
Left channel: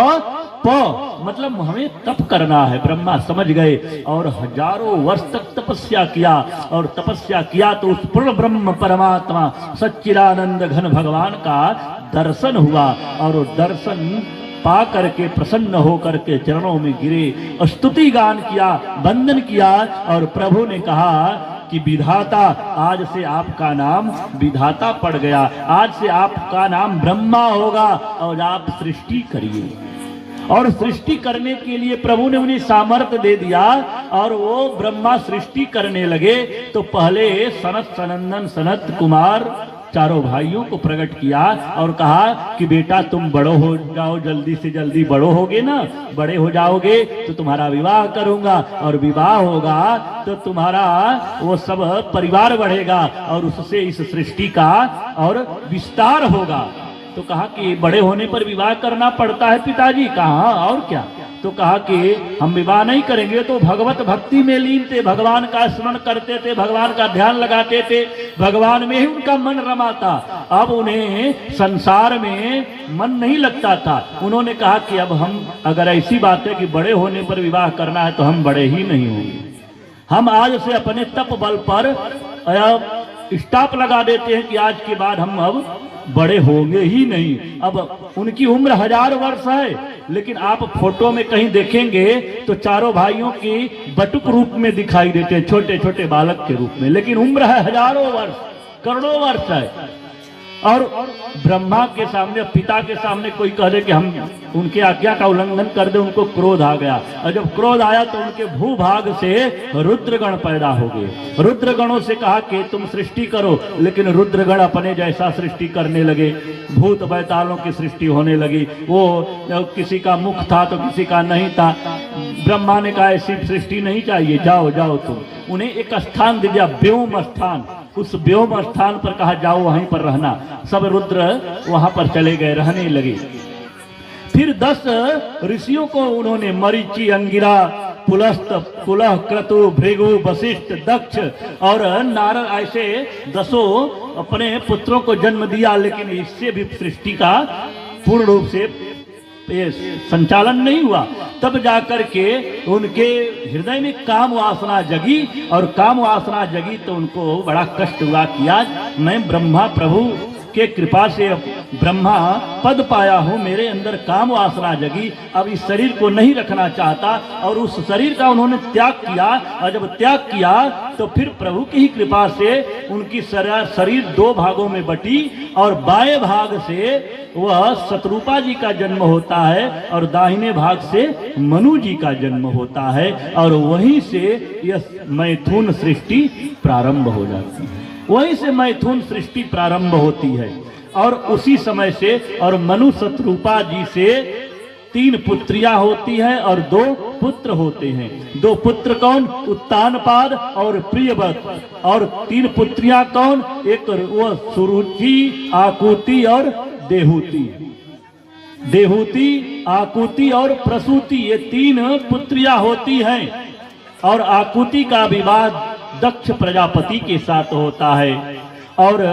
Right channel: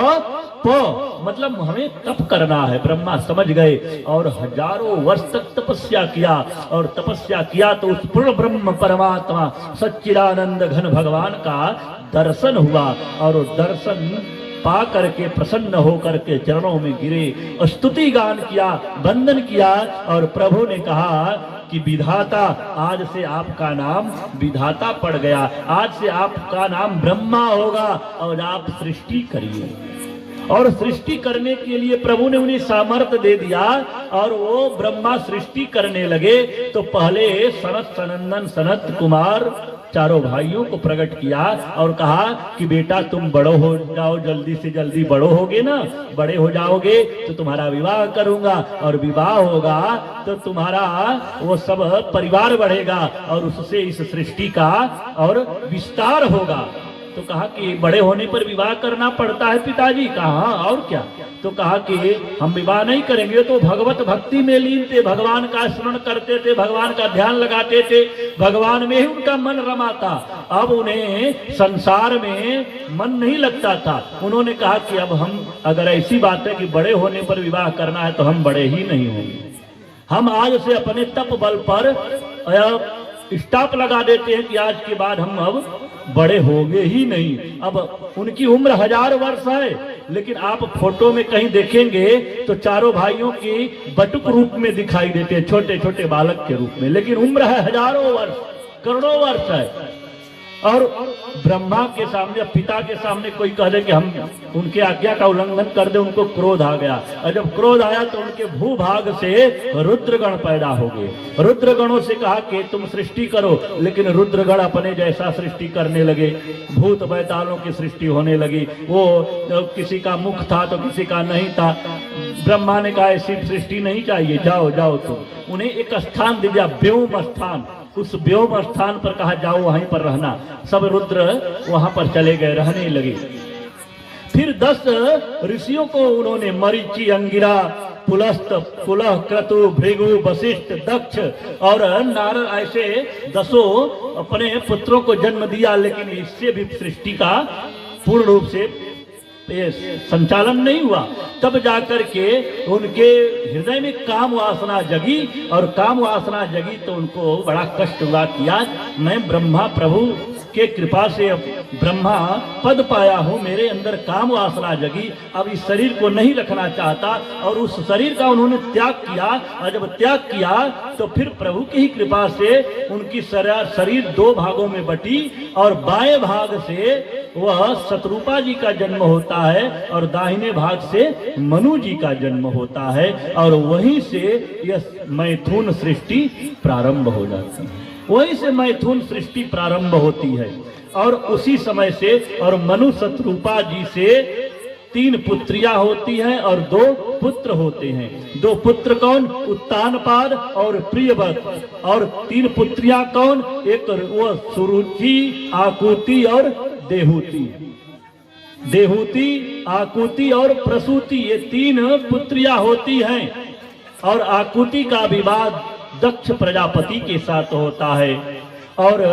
प, मतलब हमें तप करना है। ब्रह्मा समझ गए और हजारों वर्ष तक तपस्या किया, और तपस्या किया तो उस पूर्ण ब्रह्म परमात्मा सच्चिदानंद घन भगवान का दर्शन हुआ, और दर्शन पा करके प्रसन्न होकर के चरणों में गिरे, स्तुति गान किया, वंदन किया, और प्रभु ने कहा कि विधाता, आज से आपका नाम विधाता पड़ गया, आज से आपका नाम ब्रह्मा होगा, और आप सृष्टि करिए। और सृष्टि करने के लिए प्रभु ने उन्हें सामर्थ्य दे दिया, और वो ब्रह्मा सृष्टि करने लगे। तो पहले सनत सनंदन सनत कुमार चारों भाइयों को प्रकट किया और कहा कि बेटा तुम बड़ो हो जाओ, जल्दी से जल्दी बड़ो होगे ना, बड़े हो जाओगे तो तुम्हारा विवाह करूंगा, और विवाह होगा तो तुम्हारा वो सब परिवार बढ़ेगा, और उससे इस सृष्टि का और विस्तार होगा। तो कहा कि बड़े होने पर विवाह करना पड़ता है पिताजी। कहा और क्या? तो कहा कि हम विवाह नहीं करेंगे। तो भगवत भक्ति में लीन थे, भगवान का स्मरण करते थे, भगवान का ध्यान लगाते थे, भगवान में ही उनका मन रमाता। अब उन्हें संसार में मन नहीं लगता था। उन्होंने कहा कि अब हम, अगर ऐसी बात है कि बड़े होने पर विवाह करना है, तो हम बड़े ही नहीं होंगे। हम आज से अपने तप बल पर स्टॉप लगा देते हैं कि आज के बाद हम अब बड़े होंगे ही नहीं। अब उनकी उम्र 1000 वर्ष है, लेकिन आप फोटो में कहीं देखेंगे तो चारों भाइयों की बटुक रूप में दिखाई देते हैं, छोटे छोटे बालक के रूप में, लेकिन उम्र है हजारों वर्ष, करोड़ों वर्ष है। और ब्रह्मा के सामने, पिता के सामने कोई कह दे कि हम उनके आज्ञा का उल्लंघन कर दे, उनको क्रोध आ गया, और जब क्रोध आया तो उनके भूभाग से रुद्रगण पैदा हो गए। रुद्रगणों से कहा कि तुम सृष्टि करो, लेकिन रुद्रगण अपने जैसा सृष्टि करने लगे, भूत बैतालों की सृष्टि होने लगी। वो किसी का मुख था तो किसी का नहीं था। ब्रह्मा ने कहा ऐसी सृष्टि नहीं चाहिए, जाओ जाओ तुम। उन्हें एक स्थान दे दिया, व्योम स्थान। उस व्योम स्थान पर कहा जाओ वहीं पर रहना। सब रुद्र वहां पर चले गए, रहने लगे। फिर 10 ऋषियों को उन्होंने मरीचि, अंगिरा, पुलस्त, कुलह, क्रतु, भृगु, वशिष्ठ, दक्ष और नारद, ऐसे 10 अपने पुत्रों को जन्म दिया। लेकिन इससे भी सृष्टि का पूर्ण रूप से संचालन नहीं हुआ। तब जाकर के उनके हृदय में काम वासना जगी, और काम वासना जगी तो उनको बड़ा कष्ट हुआ कि आज मैं ब्रह्मा प्रभु के कृपा से ब्रह्मा पद पाया हूँ, मेरे अंदर काम वासना जगी, अब इस शरीर को नहीं रखना चाहता, और उस शरीर का उन्होंने त्याग किया। और जब त्याग किया तो फिर प्रभु की ही कृपा से उनकी शरीर 2 भागों में बटी, और बाएं भाग से वह शत्रुपा जी का जन्म होता है, और दाहिने भाग से मनु जी का जन्म होता है, और वहीं से यह मैथुन सृष्टि प्रारंभ हो जाती है। वहीं से मैथुन सृष्टि प्रारंभ होती है। और उसी समय से, और मनु शत्रुपा जी से 3 पुत्रियां होती हैं और 2 पुत्र होते हैं। 2 पुत्र कौन? उत्तानपाद और प्रियव्रत। और 3 पुत्रियां कौन? एक वो सुरुचि, आकुति और देहूति। देहूति, आकुति और प्रसूति, ये 3 पुत्रियां होती हैं। और आकुति का विवाह दक्ष प्रजापति के साथ होता है, और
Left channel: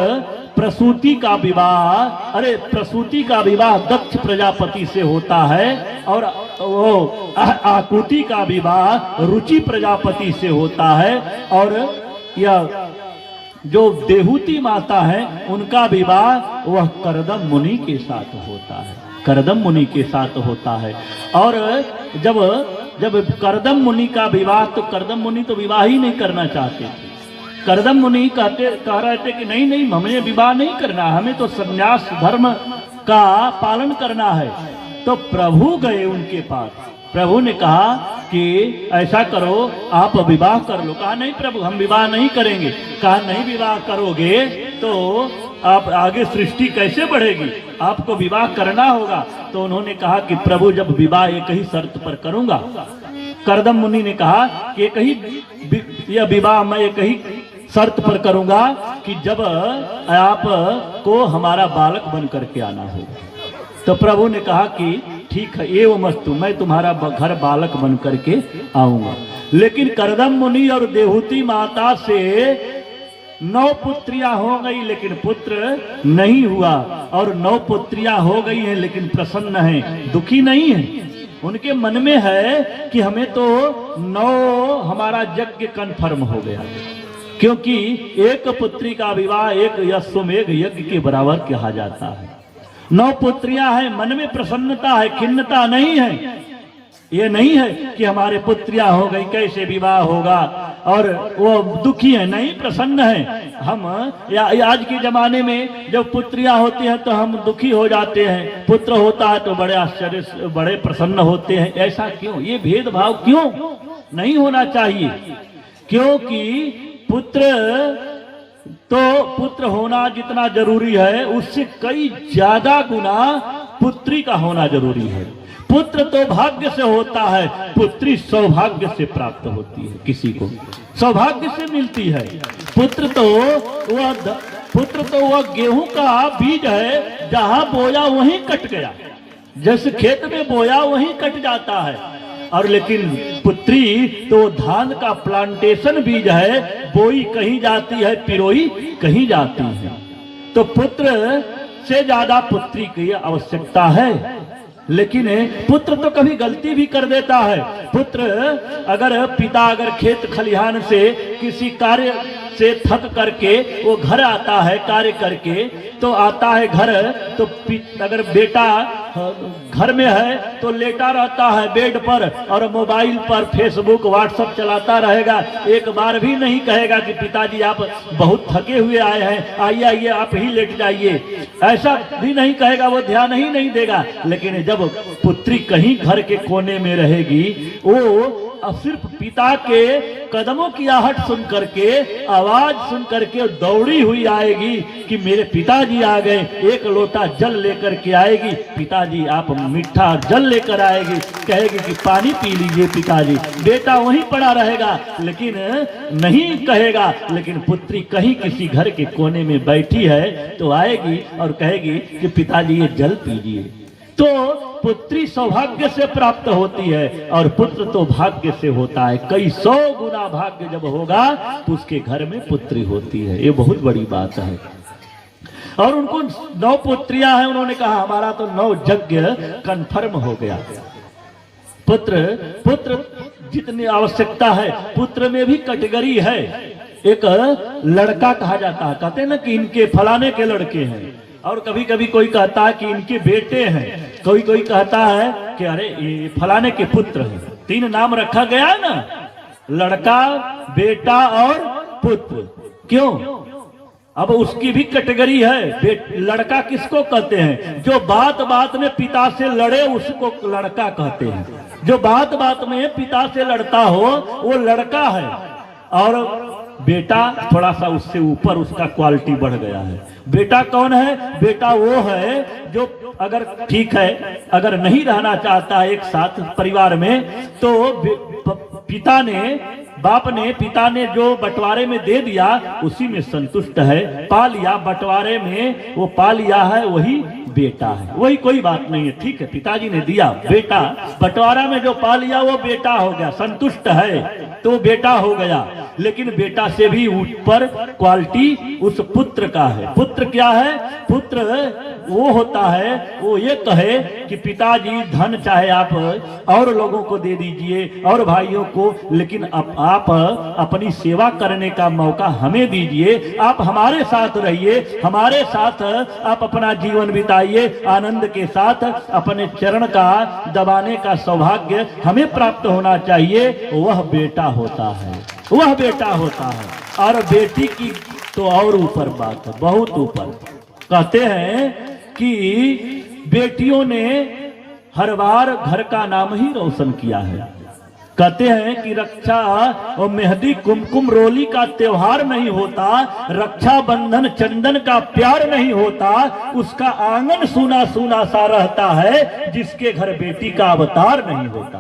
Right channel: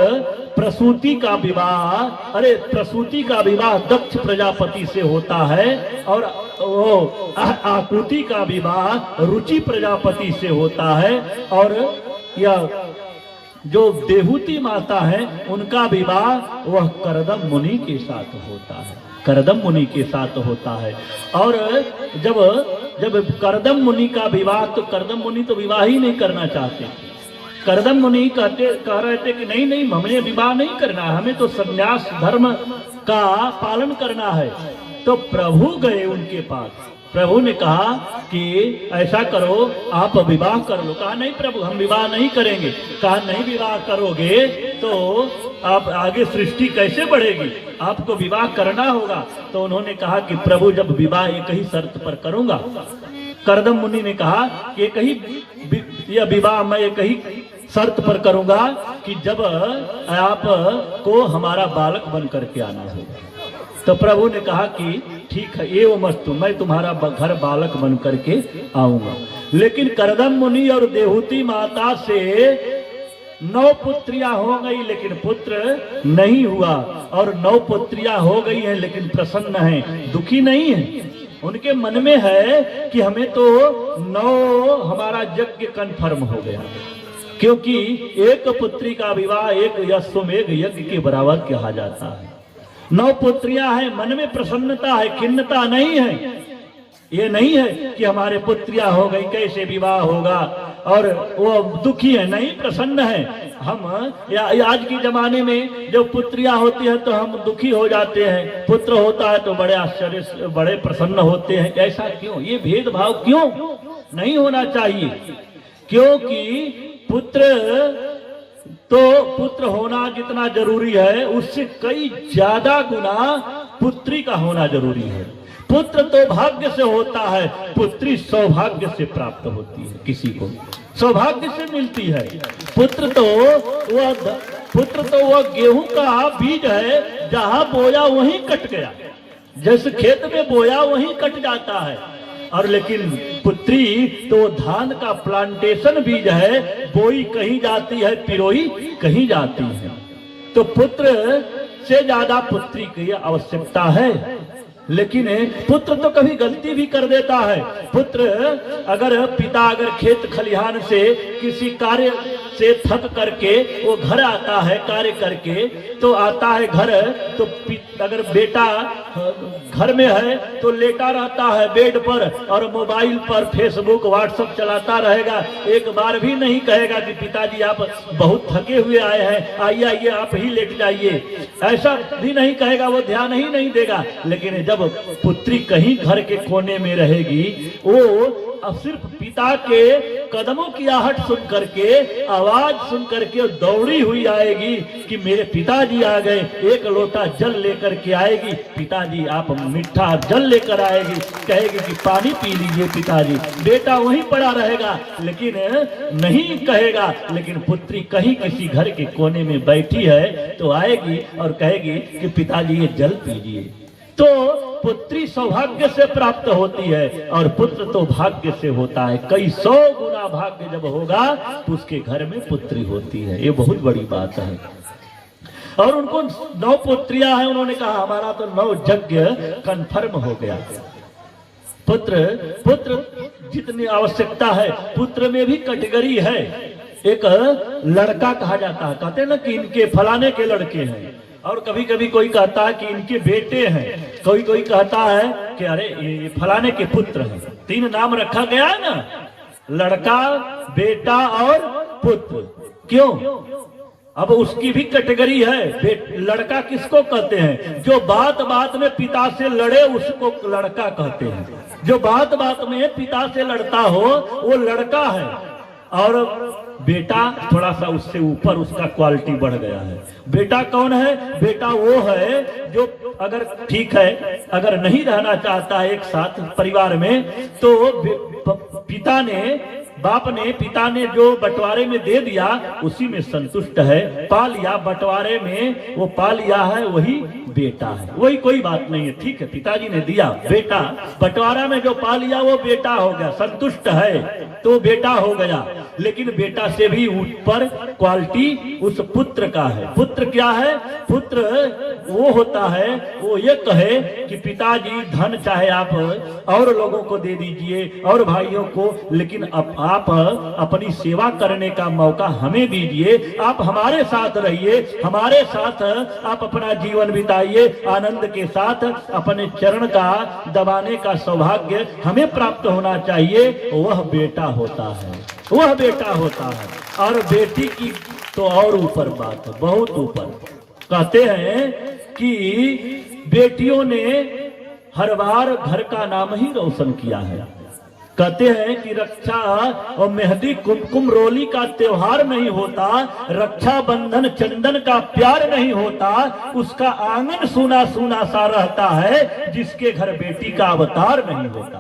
प्रसूति का विवाह दक्ष प्रजापति से होता है, और वो आकुति का विवाह रुचि प्रजापति से होता है। और यह जो देहूति माता है उनका विवाह वह करदम मुनि के साथ होता है, करदम मुनि के साथ होता है। और जब करदम मुनि का विवाह, तो करदम मुनि तो विवाह ही नहीं करना चाहते थे, करदम मुनि कह रहे थे कि नहीं नहीं, हमें विवाह नहीं करना, हमें तो संन्यास धर्म का पालन करना है। तो प्रभु गए उनके पास। प्रभु ने कहा कि ऐसा करो, आप विवाह कर लो। कहा नहीं प्रभु, हम विवाह नहीं करेंगे। कहा नहीं विवाह करोगे तो आप आगे सृष्टि कैसे बढ़ेगी, आपको विवाह करना होगा। तो उन्होंने कहा कि प्रभु जब विवाह एक ही शर्त पर करूंगा। करदम मुनि ने कहा कि एक ही यह विवाह मैं एक ही शर्त पर करूंगा कि जब आप को हमारा बालक बन करके आना होगा। तो प्रभु ने कहा कि ठीक है, एवं मस्तु, मैं तुम्हारा घर बालक बन करके आऊंगा। लेकिन करदम मुनि और देहूती माता से 9 पुत्रियां हो गई, लेकिन पुत्र नहीं हुआ। और 9 पुत्रियां हो गई हैं, लेकिन प्रसन्न हैं, दुखी नहीं है। उनके मन में है कि हमें तो 9 हमारा यज्ञ कन्फर्म हो गया, क्योंकि एक पुत्री का विवाह एक अश्वमेघ यज्ञ के बराबर कहा जाता है। 9 पुत्रियां हैं, मन में प्रसन्नता है, खिन्नता नहीं है। ये नहीं है कि हमारे पुत्रियां हो गई कैसे विवाह होगा, और वो दुखी है, नहीं, प्रसन्न है। हम आज के जमाने में जब पुत्रियां होती हैं तो हम दुखी हो जाते हैं, पुत्र होता है तो बड़े आश्चर्य, बड़े प्रसन्न होते हैं। ऐसा क्यों? ये भेदभाव क्यों नहीं होना चाहिए? क्योंकि पुत्र होना जितना जरूरी है, उससे कई ज्यादा गुना पुत्री का होना जरूरी है। पुत्र तो भाग्य से होता है, पुत्री सौभाग्य से प्राप्त होती है, किसी को सौभाग्य से मिलती है। पुत्र तो वह गेहूं का बीज है, जहां बोया वहीं कट गया, जैसे खेत में बोया वहीं कट जाता है। और लेकिन पुत्री तो धान का प्लांटेशन बीज है, बोई कहीं जाती है, पिरोई कहीं जाती है। तो पुत्र से ज्यादा पुत्री की आवश्यकता है। लेकिन पुत्र तो कभी गलती भी कर देता है। पुत्र पिता अगर खेत खलिहान से किसी कार्य से थक करके वो घर आता है, कार्य करके तो आता है घर, तो अगर बेटा घर में है तो लेटा रहता है बेड पर और मोबाइल पर फेसबुक व्हाट्सएप चलाता रहेगा। एक बार भी नहीं कहेगा कि पिताजी आप बहुत थके हुए आए हैं, आइए आइए आप ही लेट जाइए, ऐसा भी नहीं कहेगा, वो ध्यान ही नहीं देगा। लेकिन जब पुत्री कहीं घर के कोने में रहेगी, वो सिर्फ पिता के कदमों की आहट सुन करके, आवाज सुन करके दौड़ी हुई आएगी कि मेरे पिताजी आ गए, एक लोटा जल लेकर के आएगी, पिताजी आप मीठा जल लेकर आएगी, कहेगी कि पानी पी लीजिए पिताजी। बेटा वहीं पड़ा रहेगा लेकिन नहीं कहेगा। लेकिन पुत्री कहीं किसी घर के कोने में बैठी है तो आएगी और कहेगी कि पिताजी ये जल पीजिए। तो पुत्री सौभाग्य से प्राप्त होती है और पुत्र तो भाग्य से होता है। कई 100 गुना भाग्य जब होगा तो उसके घर में पुत्री होती है। ये बहुत बड़ी बात है। और उनको 9 पुत्रियां हैं। उन्होंने कहा हमारा तो 9 यज्ञ कन्फर्म हो गया। पुत्र जितनी आवश्यकता है, पुत्र में भी कैटेगरी है। एक लड़का कहा जाता है, कहते हैं ना कि इनके फलाने के लड़के हैं, और कभी कभी कोई कहता है कि इनके बेटे हैं, कोई कहता है कि अरे ये फलाने के पुत्र हैं। 3 नाम रखा गया है ना, लड़का, बेटा और पुत्र। क्यों? अब उसकी भी कैटेगरी है। लड़का किसको कहते हैं? जो बात बात में पिता से लड़े उसको लड़का कहते हैं। जो बात बात में पिता से लड़ता हो वो लड़का है। और बेटा थोड़ा सा उससे ऊपर, उसका क्वालिटी बढ़ गया है। बेटा कौन है? बेटा वो है जो अगर ठीक है, अगर नहीं रहना चाहता है एक साथ परिवार में, तो पिता ने जो बंटवारे में दे दिया उसी में संतुष्ट है। पा लिया बंटवारे में, वो पा लिया है, वही बेटा है। वही कोई बात नहीं है, ठीक है, पिताजी ने दिया, बेटा बंटवारा में जो पा लिया वो बेटा हो गया, संतुष्ट है तो बेटा हो गया। लेकिन बेटा से भी ऊपर क्वालिटी उस पुत्र का है। पुत्र क्या है? पुत्र वो होता है, वो ये कहे कि पिताजी धन चाहे आप और लोगों को दे दीजिए और भाइयों को, लेकिन आप अपनी सेवा करने का मौका हमें दीजिए। आप हमारे साथ रहिए, हमारे साथ आप अपना जीवन बिताइए, आनंद के साथ अपने चरण का दबाने का सौभाग्य हमें प्राप्त होना चाहिए। वह बेटा होता है। वह बेटा होता है। और बेटी की तो और ऊपर बात है, बहुत ऊपर। कहते हैं कि बेटियों ने हर बार घर का नाम ही रोशन किया है। कहते हैं कि रक्षा और मेहंदी कुमकुम रोली का त्योहार नहीं होता, रक्षा बंधन चंदन का प्यार नहीं होता, उसका आंगन सूना सूना सा रहता है जिसके घर बेटी का अवतार नहीं होता।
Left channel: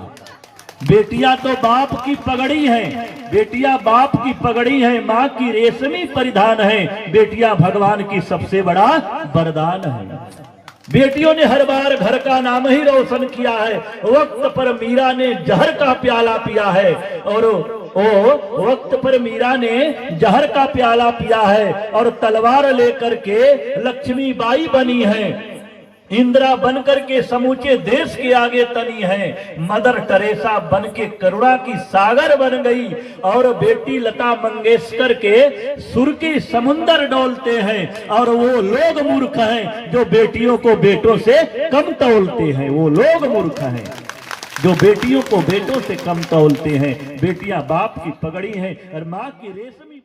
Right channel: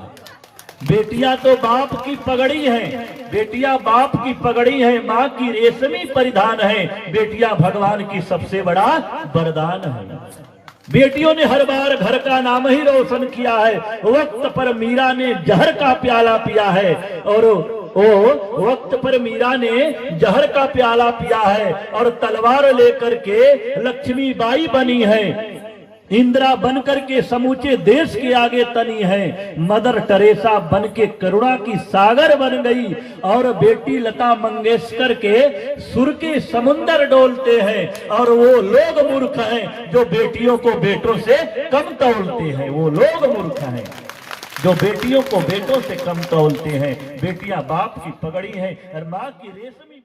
बेटियां तो बाप की पगड़ी है, बेटियां बाप की पगड़ी है, माँ की रेशमी परिधान है, बेटियां भगवान की सबसे बड़ा वरदान है। बेटियों ने हर बार घर का नाम ही रोशन किया है। वक्त पर मीरा ने जहर का प्याला पिया है, और वक्त पर मीरा ने जहर का प्याला पिया है और तलवार लेकर के लक्ष्मीबाई बनी है, इंदिरा बनकर के समूचे देश के आगे तनी है, मदर टेरेसा बन के करुणा की सागर बन गई, और बेटी लता मंगेशकर के सुर के समुंदर डोलते हैं। और वो लोग मूर्ख हैं जो बेटियों को बेटों से कम तौलते हैं, वो लोग मूर्ख हैं जो बेटियों को बेटों से कम तौलते हैं। बेटियां बाप की पगड़ी हैं और माँ की रेशमी